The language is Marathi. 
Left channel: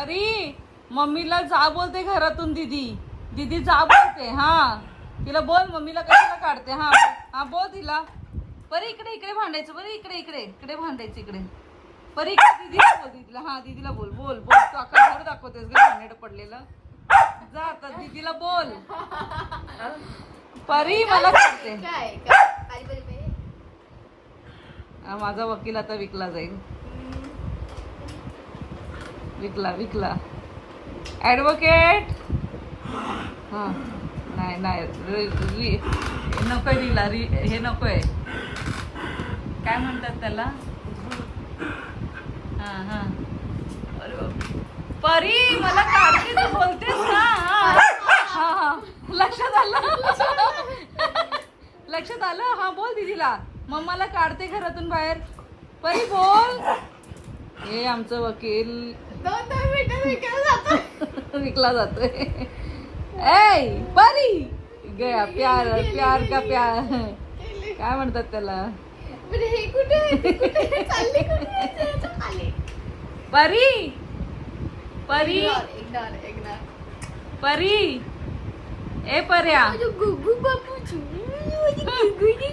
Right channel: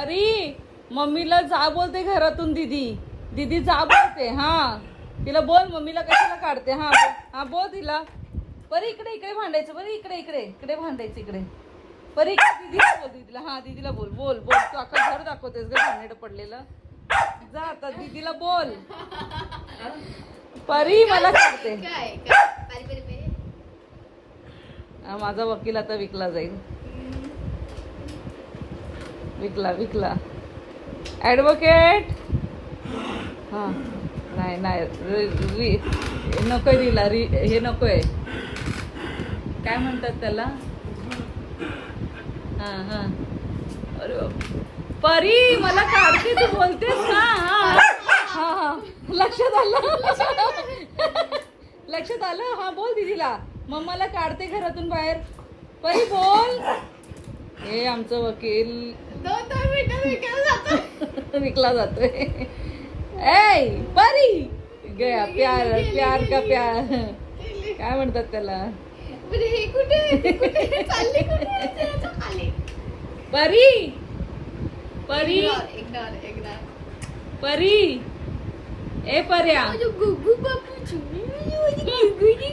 अरे मम्मीला जा बोलते घरातून दीदी. दीदी जा बोलते. हा तिला बोल मम्मीला कशाला काढते. हा हा बोल तिला. बरं इकडे इकडे भांडायचं. बरं इकडे इकडे इकडे भांडायचं इकडे. बरं इकडे दीदीला बोल. दीदीला हा दीदीला बोल. बोल बोल तू अख्खा घर दाखवतेस ग भांडण पडलेलं. जा आता दीदीला बोल. परी मला काढते. माझा वकील आता विकला जाईल. विकला ऍडव्होकेट. हा नाही नाही नकोय रिला. हे नकोय. काय म्हणतात त्याला. हा हा परी मला काढते तू बोलतेस ना. हा हा लक्षात आलं. हा बोल दीदीला. मम्माला काढते घरातून बाहेर. परी बोल. हे आमचं वकील विकला जातोय. ए परी गया प्यार प्यार का प्यार काय म्हणतात त्याला. परी परी परी ए पर्या.